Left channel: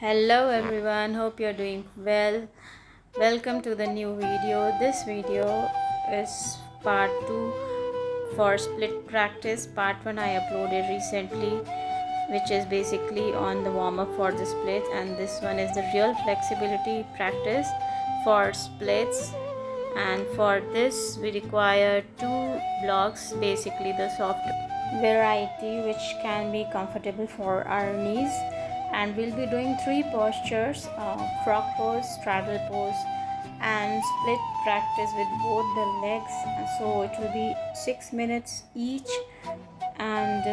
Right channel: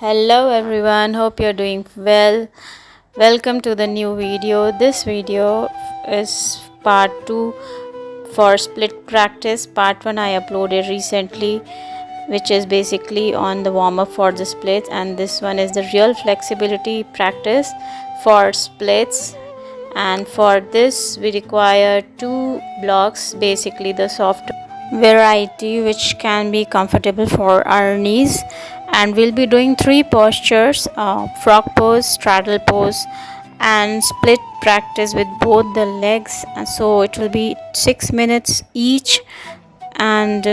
Hello everyone, hope you're doing well. Welcome to the new video. This video is part 2 for split practice. Part 1 I uploaded recently, which is basically on the warm up for the splits, and this one is the real flexibility practice for splits. And for this we require 2 blocks, basically the soft variety which can be comfortable for our knees, and we'll be doing 3 postures: frog pose, straddle pose, and split practice with both the legs. And so it will be 6 minutes each, and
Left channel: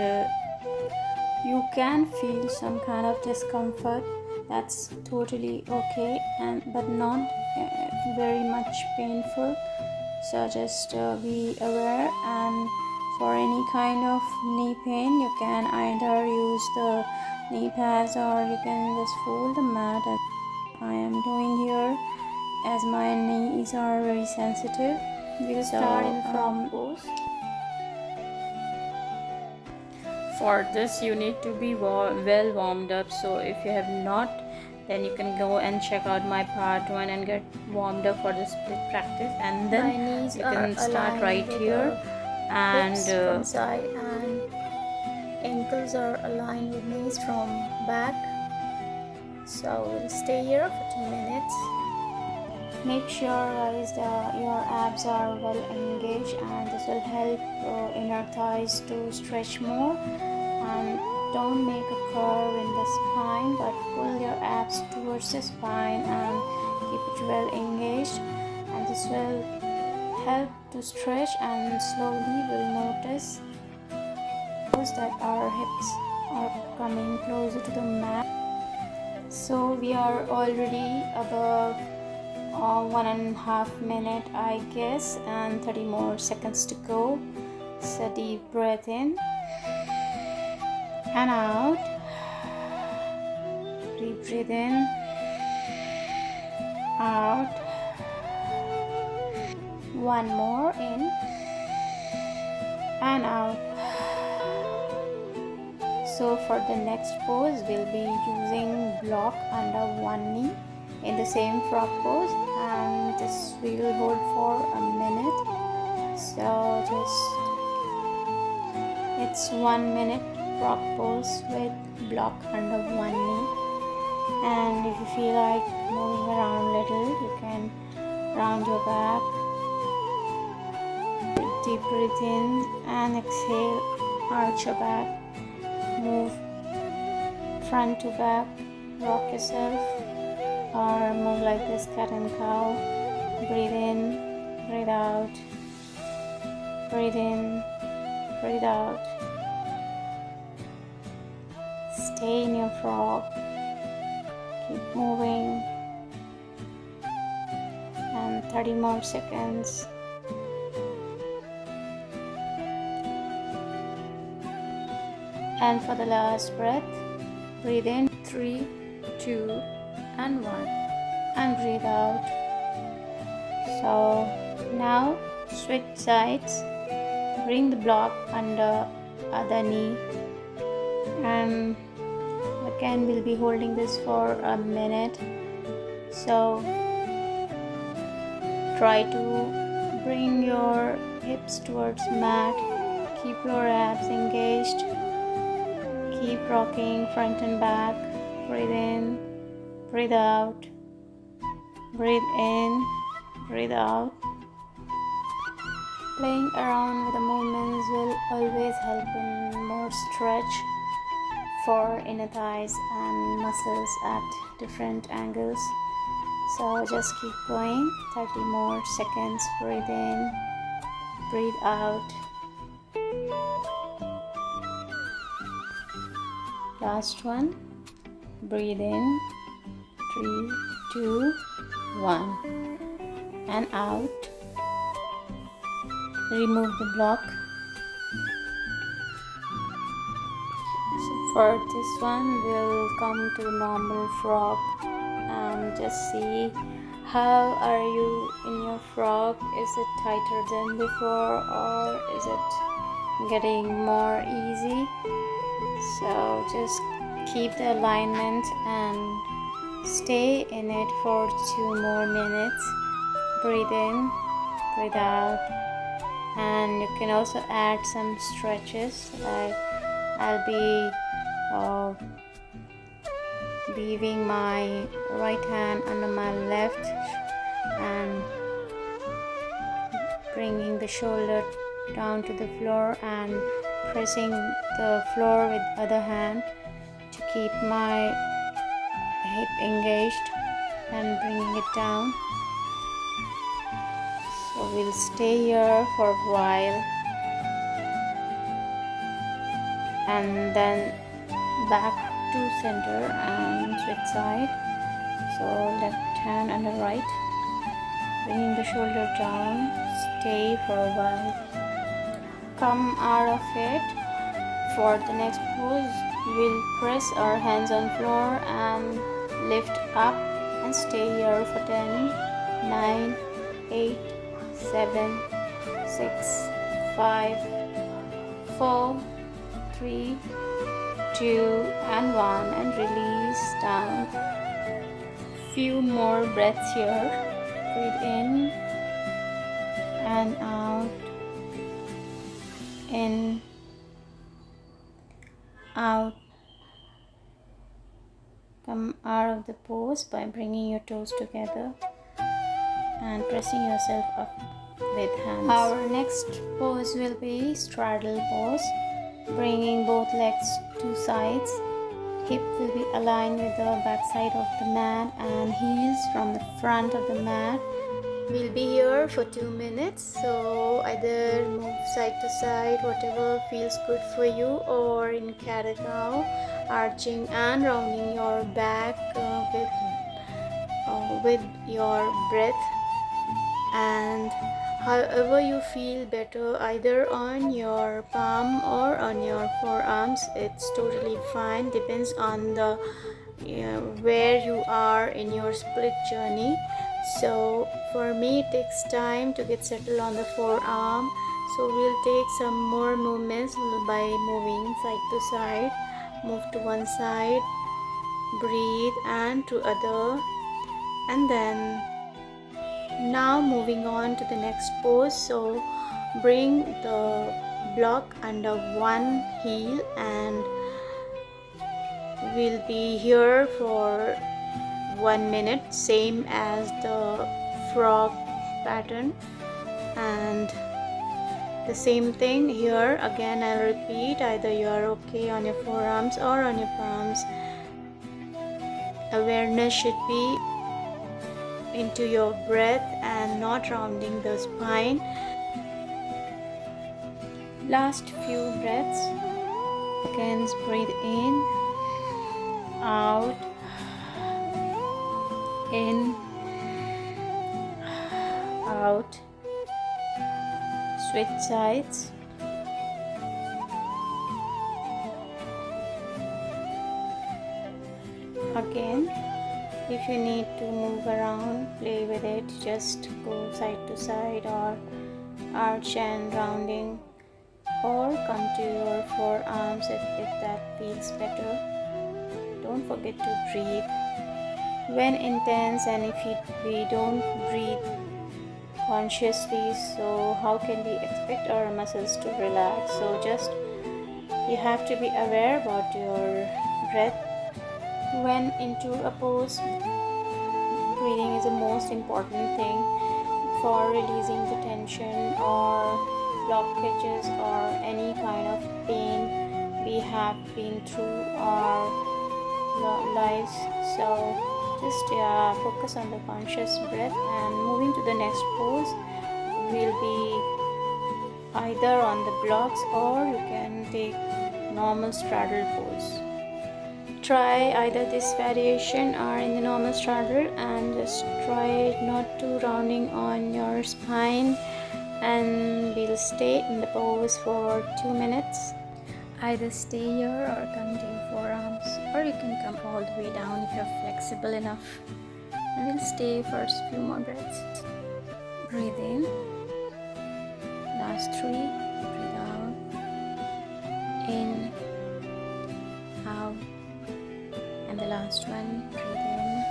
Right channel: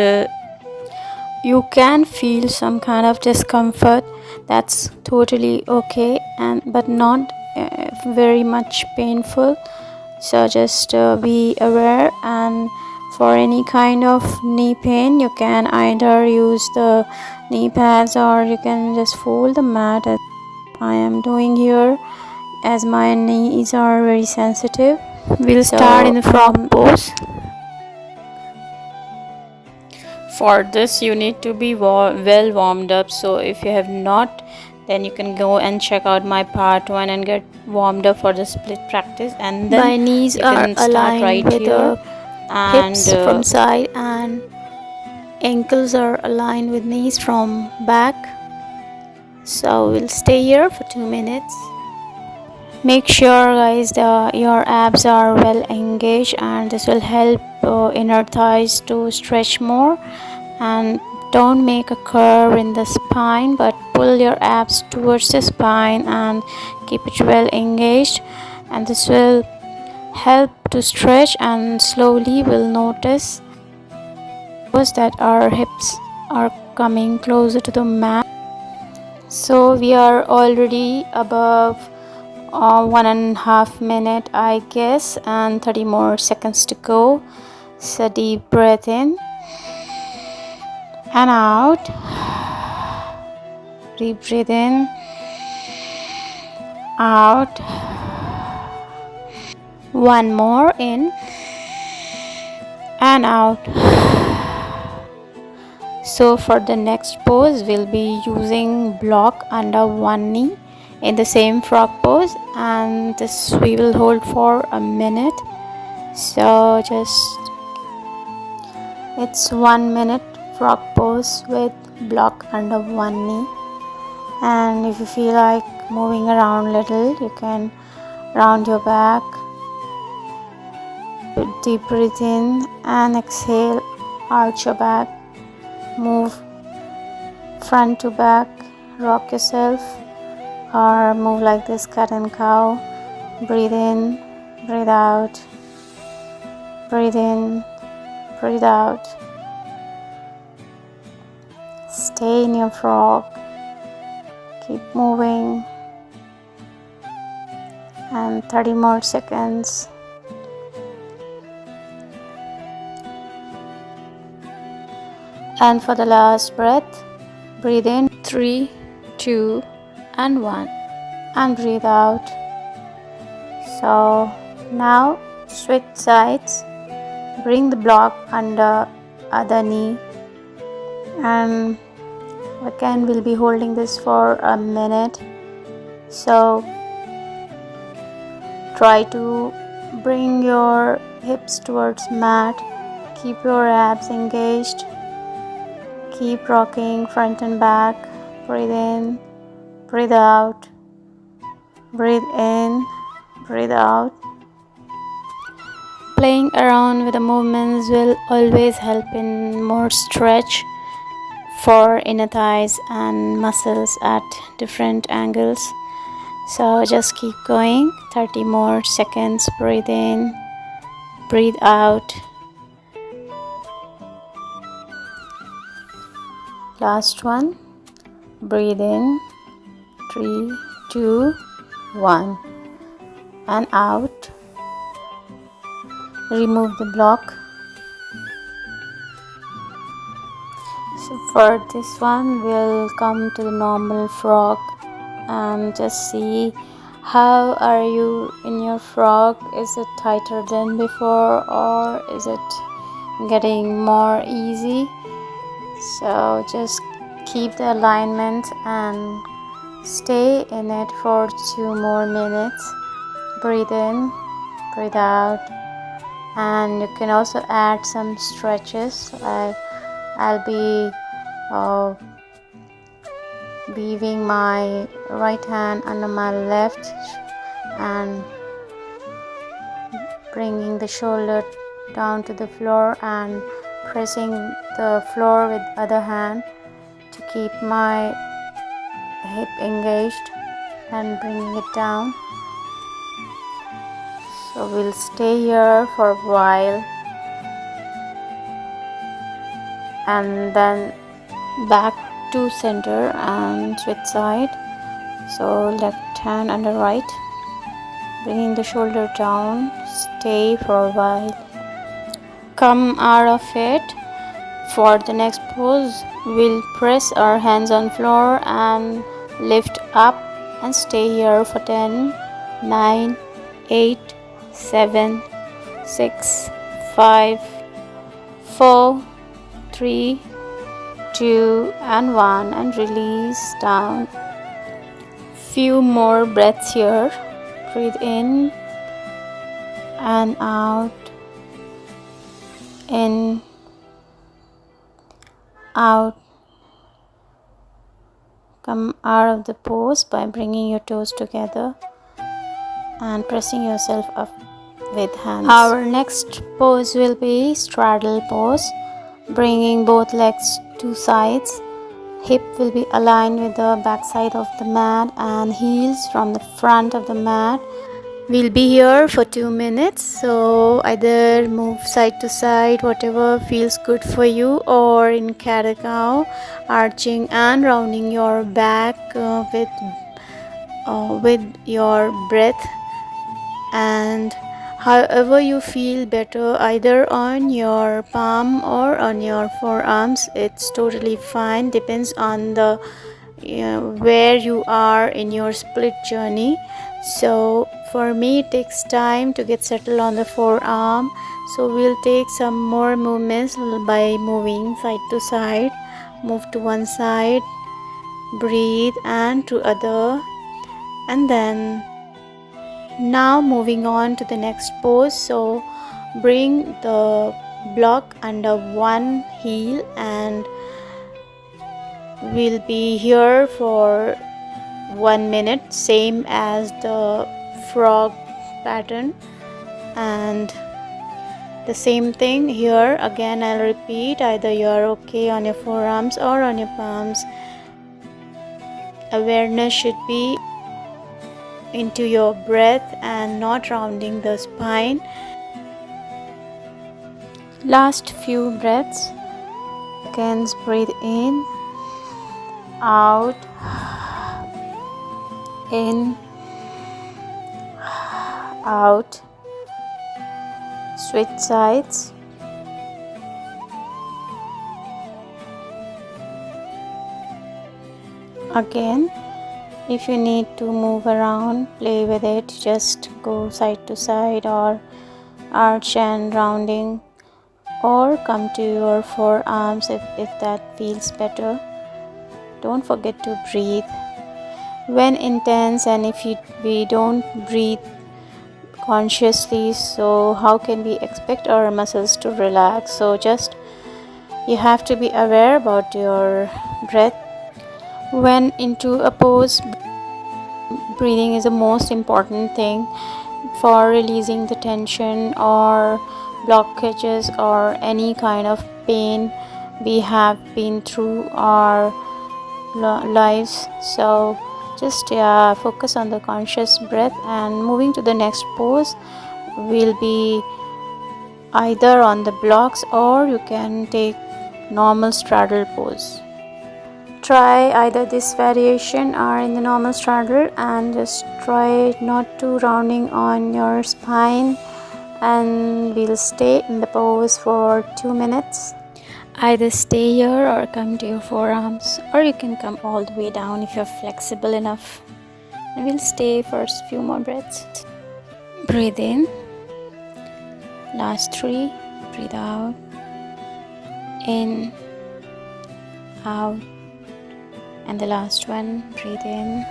you can feel some kind of discomfort. That's totally okay, and but not very much painful, so just be aware. And for any kind of knee pain, you can either use the knee pads or you can just fold the mat, as I am doing here, as my knees are very sensitive. We'll start in the frog pose. For this you need to be well warmed up, so if you have not, then you can go and check out my part 1 and get warmed up for the split practice. And then my knees you are can start aligned right with here, the and hips from side, and ankles are aligned with knees from back. So we'll stay here for 2 minutes. Make sure guys that your abs are well engaged, and this will help inner thighs to stretch more. And don't make a curve in the spine, but pull your abs towards the spine and keep it well engaged, and this will help to stretch. And slowly we'll notice that our hips are coming closer to the mat. So we are already above 1.5 minutes, I guess, and 30 more seconds to go. So deep breath in and out. Deep breathe in, out. One more, in and out. So for the next pose, we'll be using block under one knee in the same frog pose, and this we will hold for a minute. So it's 1 minute frog pose with block under one knee. And if you feel like moving around a little, you can round your back. Deep breathe in and exhale, arch your back, move front to back, rock yourself, or move like this, cat and cow. Breathe in, breathe out, breathe in, breathe out. Stay in your frog, keep moving, and 30 more seconds. And for the last breath, breathe in 3, 2, and 1, and breathe out. So now switch sides, bring the block under other knee, and again we'll be holding this for a minute. So try to bring your hips towards mat, keep your abs engaged. Keep rocking front and back. Breathe in, breathe out, breathe in, breathe out. Playing around with the movements will always help in more stretch for inner thighs and muscles at different angles. So just keep going. 30 more seconds. Breathe in, breathe out. Last one. Breathe in, 3, 2, 1, and out. Remove the block. So for this one, we'll come to the normal frog and just see how are you in your frog. Is it tighter than before, or is it getting more easy? So just keep the alignment and Stay in it for 2 more minutes. Breathe in, breathe out, and you can also add some stretches. I'll be weaving my right hand under my left and bringing the shoulder down to the floor and pressing the floor with the other hand to keep my hip engaged and bringing it down. So we'll stay here for a while and then back to center and switch side. So left hand under right, bringing the shoulder down, stay for a while, come out of it. For the next pose, we'll press our hands on floor and lift up and stay here for 10, 9, 8, 7, 6, 5, 4, 3, 2 and 1, and release down. Few more breaths here. Breathe in and out, in, out. Come out of the pose by bringing your toes together and pressing yourself up with hands. Our next pose will be straddle pose, bringing both legs to sides. Hip will be aligned with the back side of the mat and heels from the front of the mat. We'll be here for 2 minutes, so either move side to side, whatever feels good for you, or in cat-cow, arching and rounding your back with your breath, and however you feel better, either on your palm or on your forearms, it's totally fine. Depends on the where you are in your split journey. So for me it takes time to get settled on the forearm, so we'll take some more movements by moving side to side. Move to one side, breathe, and to other, and then now moving on to the next pose. So bring the block under one heel and we'll be here for 1 minute, same as the frog pattern, and the same thing here. Again, I'll repeat, either you're okay on your forearms or on your palms. Awareness should be into your breath and not rounding the spine. Last few breaths. Again, breathe in, out, in, out. Switch sides. Again, if you need to move around, play with it, just go side to side or arch and rounding, or come to your forearms if that feels better. Don't forget to breathe when intense, and if we don't breathe consciously, so how can we expect our muscles to relax? So just you have to be aware about your breath. When into a pose, breathing is the most important thing for releasing the tension or blockages or any kind of pain we have been through our lives. So just focus on the conscious breath, and moving to the next pose will be either on the blocks or you can take normal straddle pose. Try either this variation or in the normal straddle, and just try not to rounding on your spine, and we'll stay in the pose for 2 minutes. Either stay here or come to your forearms, or you can come all the way down if you're flexible enough. And we'll stay for a few more breaths. Breathe in. Last 3. Breathe out. In, out, And the last one, breathe in.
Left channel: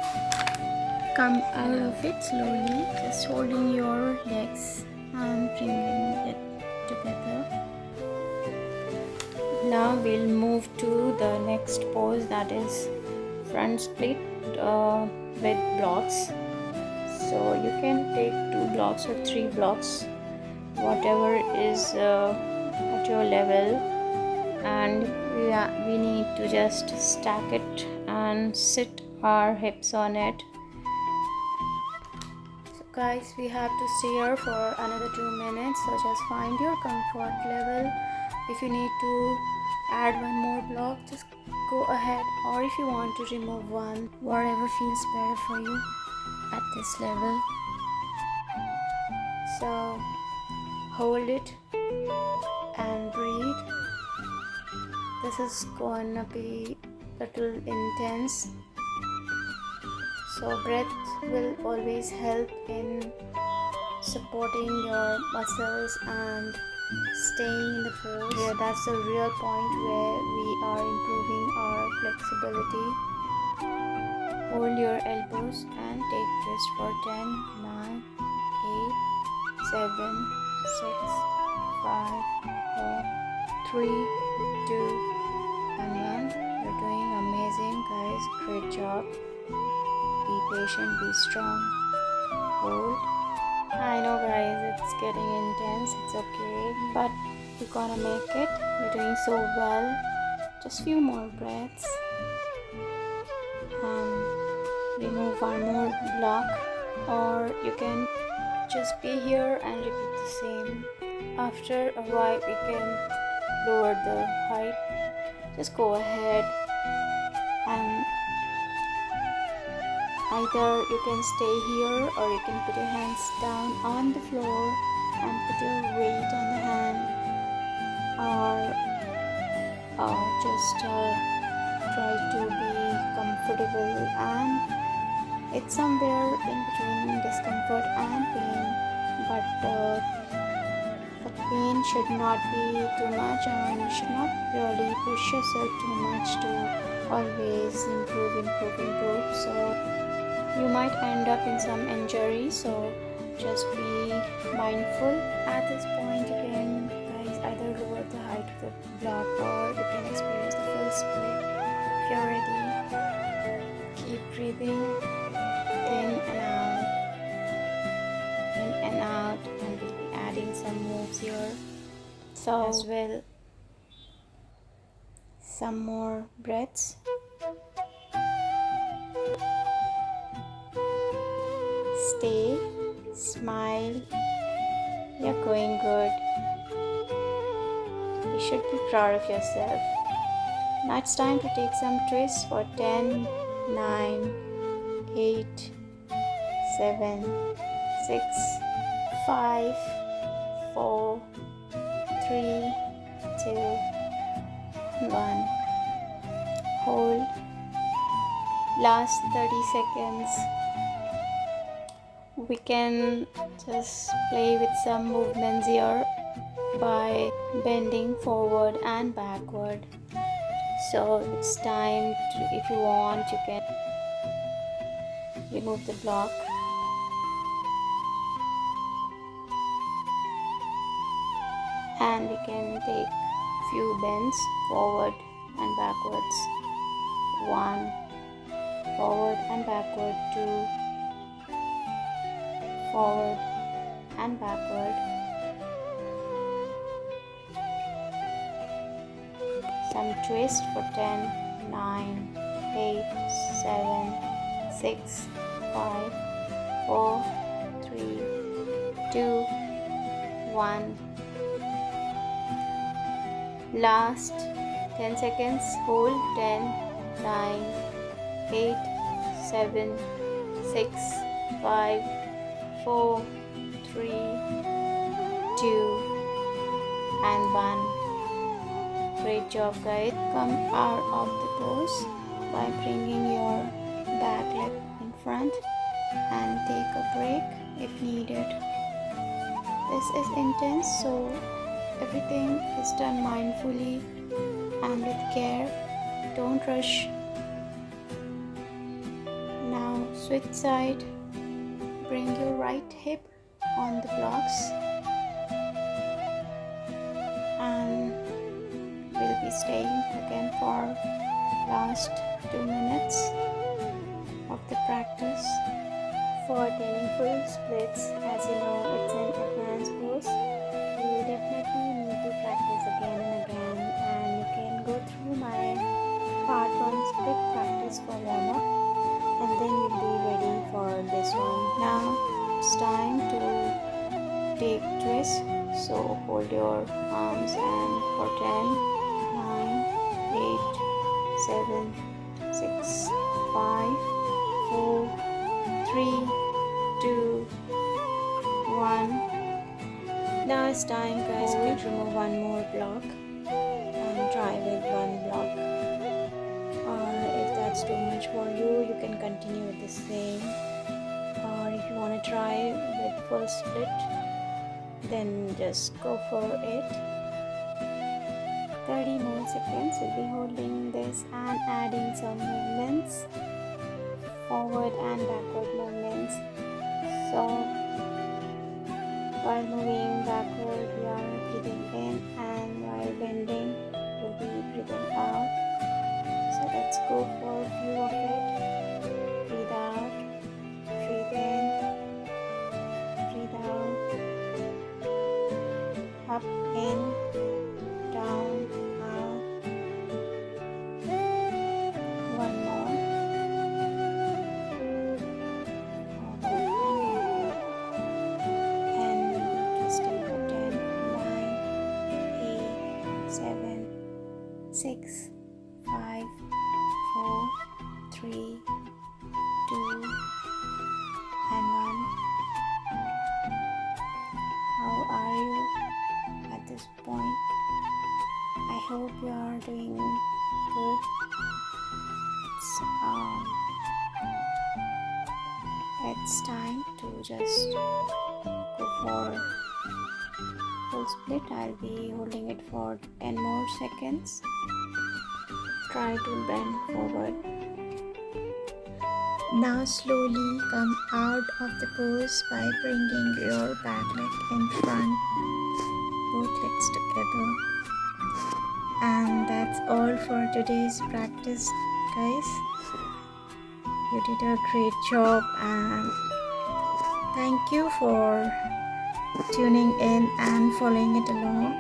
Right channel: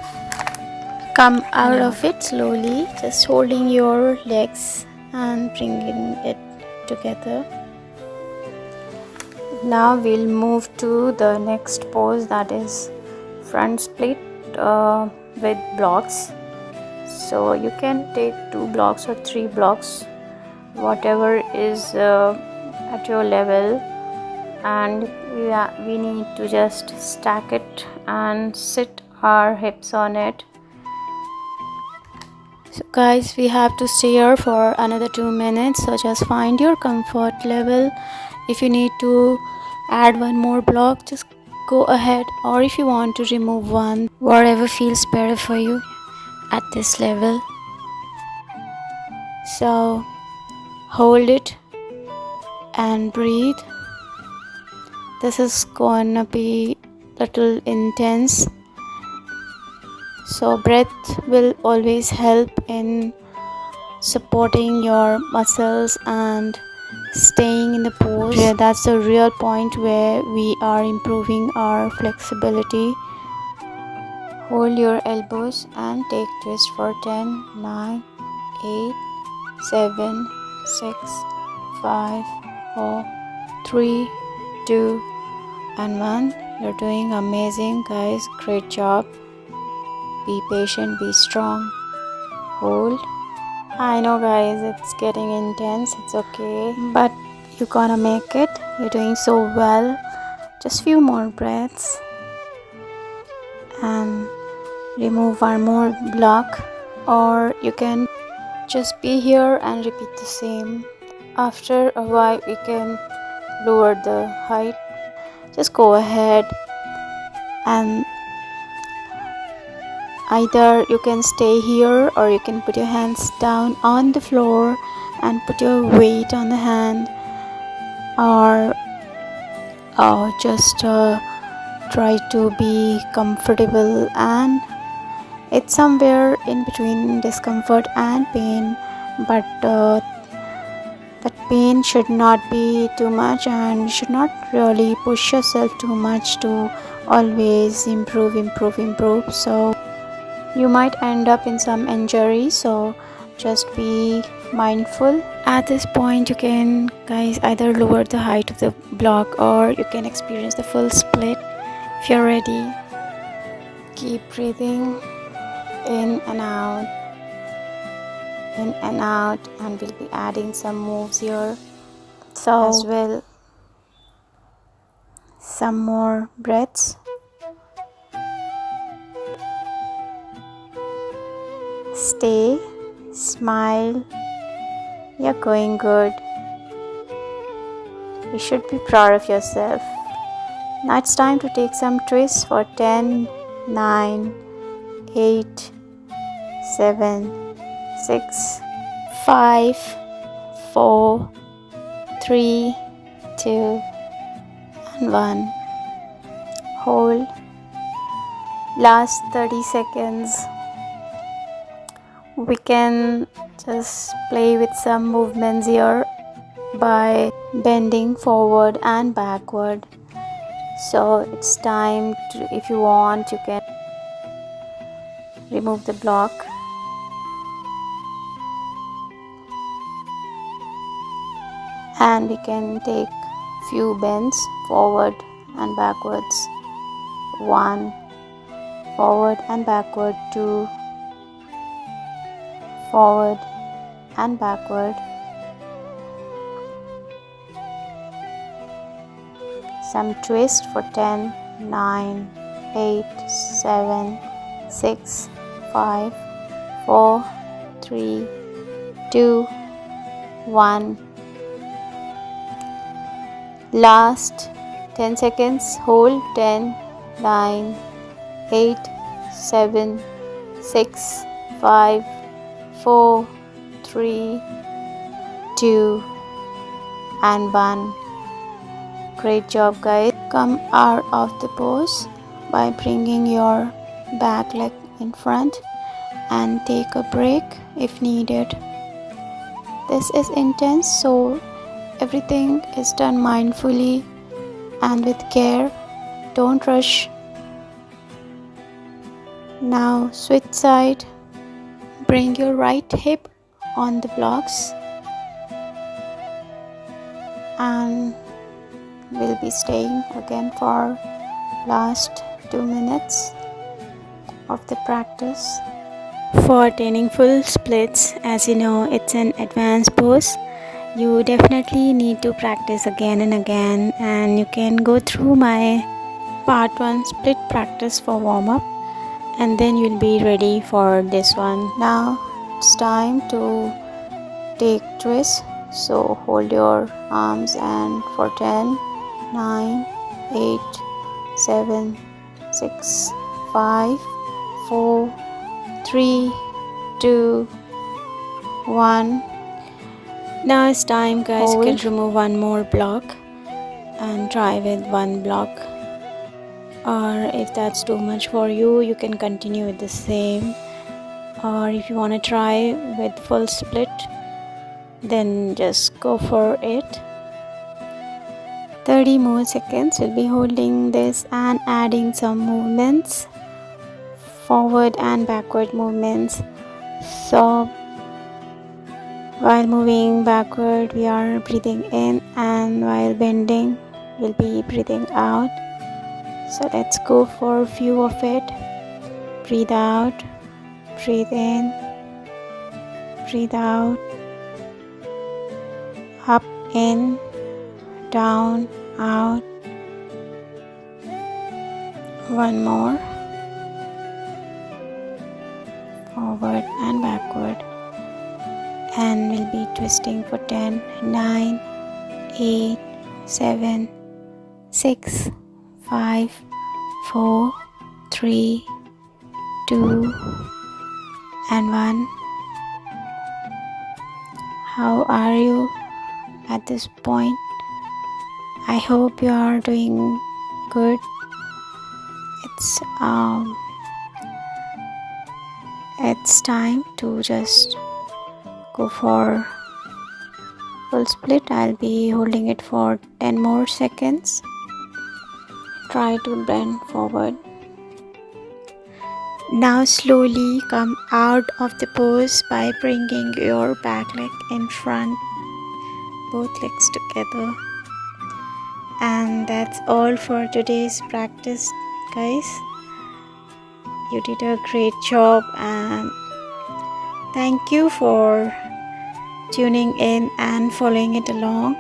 Come out of it slowly, just holding your legs and bringing it together. Now we'll move to the next pose, that is front split with blocks. So you can take 2 blocks or 3 blocks, whatever is at your level, and we need to just stack it and sit our hips on it. So guys, we have to stay here for another 2 minutes, so just find your comfort level. If you need to add one more block, just go ahead, or if you want to remove one, whatever feels better for you at this level. So hold it and breathe. This is gonna be little intense, so breath will always help in supporting your muscles and staying in the pose. Yeah, that's the real point where we are improving our flexibility. Hold your elbows and take twist for 10, 9, 8, 7, 6, 5, 4, 3, 2, and 1. You're doing amazing, guys. Great job. Be patient, be strong. Hold. I know, guys, it's getting intense. It's okay, but you're gonna make it. You're doing so well. Just few more breaths and remove one more block, or you can just be here and repeat the same. After a while, we can lower the height. Just go ahead and either you can stay here, or you can put your hands down on the floor and put your weight on the hand, or just try to be comfortable, and it's somewhere in between discomfort and pain, but that pain should not be too much, and you should not really push yourself too much to always improve. So you might end up in some injury, so just be mindful. At this point, you can, guys, either lower the height of the block, or you can experience the full split. If you're ready, keep breathing in and out, and we'll be adding some moves here, so as well. Some more breaths. Stay, smile. You're going good. You should be proud of yourself. Now it's time to take some twists for 10, 9, 8, 7, 6, 5, 4, 3, 2, and 1. Hold. Last 30 seconds. We can just play with some movements here by bending forward and backward. So it's time to, if you want, you can remove the block and we can take few bends forward and backwards. 1, forward and backward. 2, forward and backward. Some twist for 10, 9, 8, 7, 6, 5, 4, 3, 2, 1. Last 10 seconds. Hold. 10, 9, 8, 7, 6, 5, 4, 3, 2, and 1. Great job, guys. Come out of the pose by bringing your back leg in front and take a break if needed. This is intense, so everything is done mindfully and with care. Don't rush. Now switch side. Bring your right hip on the blocks and we'll be staying again for last 2 minutes of the practice. For attaining full splits, as you know, it's an advanced pose. You definitely need to practice again and again, and you can go through my part 1 split practice for warm up, and then you'll be ready for this one. Now it's time to take twist. So hold your arms and for 10, 9, 8, 7, 6, 5, 4, 3, 2, 1. Now it's time, guys. Hold. You can remove one more block and try with one block, or if that's too much for you, you can continue with the same, or if you want to try with full split, then just go for it. 30 more seconds. We'll be holding this and adding some movements, forward and backward movements. So while moving backward, we are breathing in, and while bending, we'll be breathing out. So let's go for a few of it. Breathe out, breathe in, breathe out, up, in, down, out. One more. Forward and backward. And we'll be twisting for 10, 9, 8, 7, 6, 5, 4, 3, 2, and 1. How are you at this point? I hope you are doing good. It's time to just go for full split. I'll be holding it for 10 more seconds. Try to bend forward. Now slowly come out of the pose by bringing your back leg in front, both legs together. And that's all for today's practice, guys. You did a great job, and thank you for tuning in and following it along.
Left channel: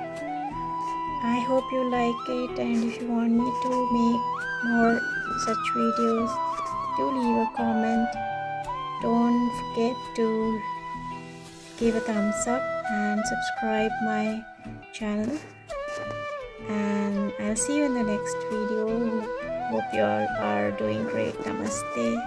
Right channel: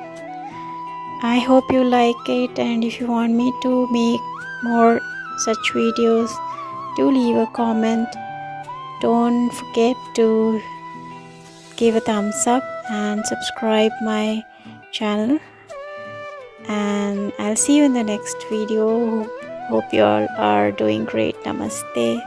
I hope you like it, and if you want me to make more such videos, do leave a comment. Don't forget to give a thumbs up and subscribe my channel, and I'll see you in the next video. Hope you all are doing great. Namaste.